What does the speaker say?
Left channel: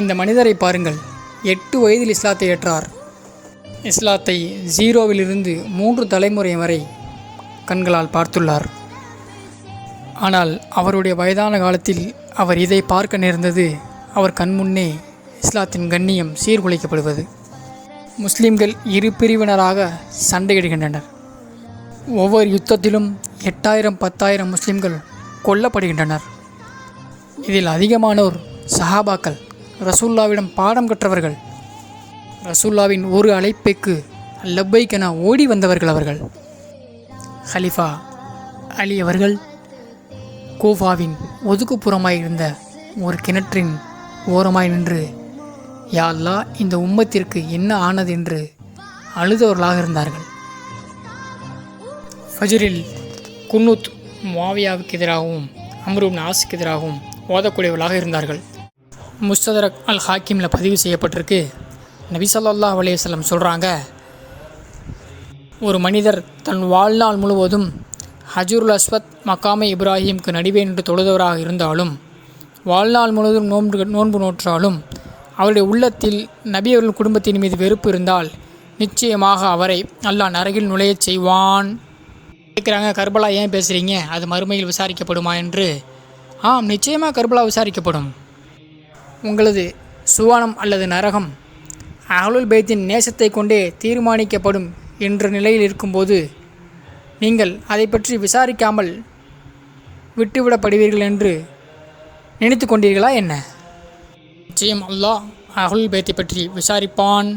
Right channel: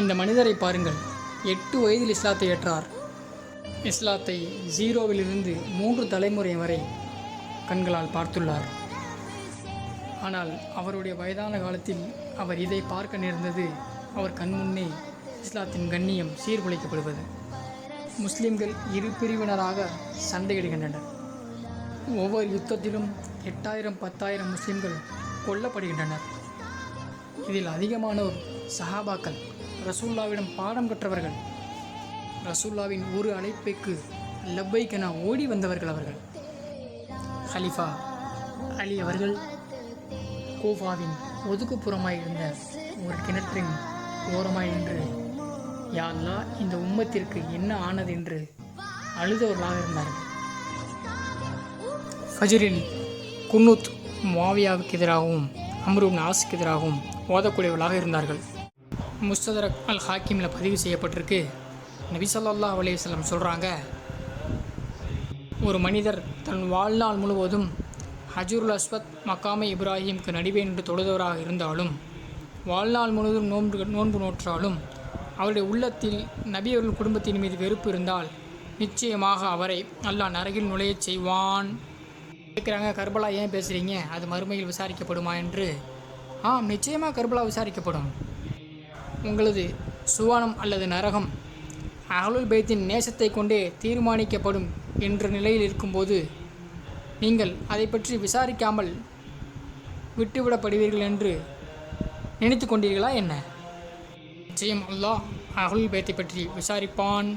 இந்த மனிதரை பாருங்கள். 8 வயதில் இஸ்லாத்தை ஏற்றார். இஸ்லாத்தை 0விலிருந்து 3 தலைமுறை வரை கண்களால் பார்த்துள்ளார். ஆனால் அவருடைய வயதான காலத்தில் அவர் இதை பார்க்க நேர்ந்தது. அவர் கண்முன்னே இஸ்லாத்தின் கண்ணியம் சீர்குலைக்கப்படுவது. முஸ்லிம்கள் இரு பிரிவினராக சண்டையிடுகின்றனர். ஒவ்வொரு யுத்தத்திலும் 8000 10,000 முஸ்லிம்கள் கொல்லப்படுகின்றனர். இதில் அதிகமானோர் சஹாபாக்கள், ரசூல்லாவிடம் பாடம் கற்றவர்கள். ரசூல்லாவின் ஒரு அழைப்புக்கு லப்பைக் என ஓடி வந்தவர்கள் அவர்கள். ஹலிஃபா அலி அவர்கள் கூஃபாவின் ஒதுக்குப்புறமாய் இருந்த ஒரு கிணற்றின் ஓரமாய் நின்று, யா அல்லாஹ், இந்த உம்மத்திற்கு என்ன ஆனது என்று அழுதவர்களாக இருந்தார்கள். ஃபஜ்ரில் குன்னூத் முஆவியாவுக்கு எதிராகவும் அம்ர் இப்னு ஆஸுக்கு எதிராகவும் ஓதக்கூடியவர்களாக இருந்தார்கள். முஸ்ததரக் அல் ஹாக்கிமில் பதிவு செய்யப்பட்டிருக்கு. நபி ஸல்லல்லாஹு அலைஹி வஸல்லம் சொல்கிறாங்க, ஒரு மனிதர் தன் வாழ்நாள் முழுவதும் ஹஜருல் அஸ்வத் மக்காமை இப்ராஹிமுக்கு நடுவே நின்று தொழுதவராக இருந்தாலும், வாழ்நாள் முழுவதும் நோன்பு நோற்றாலும், அவருடைய உள்ளத்தில் நபி அவர்கள் குடும்பத்தின் மீது வெறுப்பு இருந்தால் நிச்சயமாக அவரை அல்லாஹ் நரகில் நுழையச் செய்வான். கேட்குறாங்க, கர்பலா ஏன் பேசுகிறீங்க, அது மறுமையில் விசாரிக்கப்படுமா என்று. ஆம், நிச்சயமாக கர்பலா விசாரிக்கப்படும். உங்களது சுவானம் அல்லது நரகம் அஹ்லுல் பைத்தின் நேசத்தை கொண்டே தீர்மானிக்கப்படும் என்ற நிலையில் இருக்கும்போது நீங்கள் அதை பற்றி விசாரிக்காமல் விட்டுவிடப்படுவீர்கள் என்று நினைத்து கொண்டீர்களா என்ன? நிச்சயம் அல்லாஹ் அஹ்லுல் பைத்தை பற்றி விசாரிப்பான்.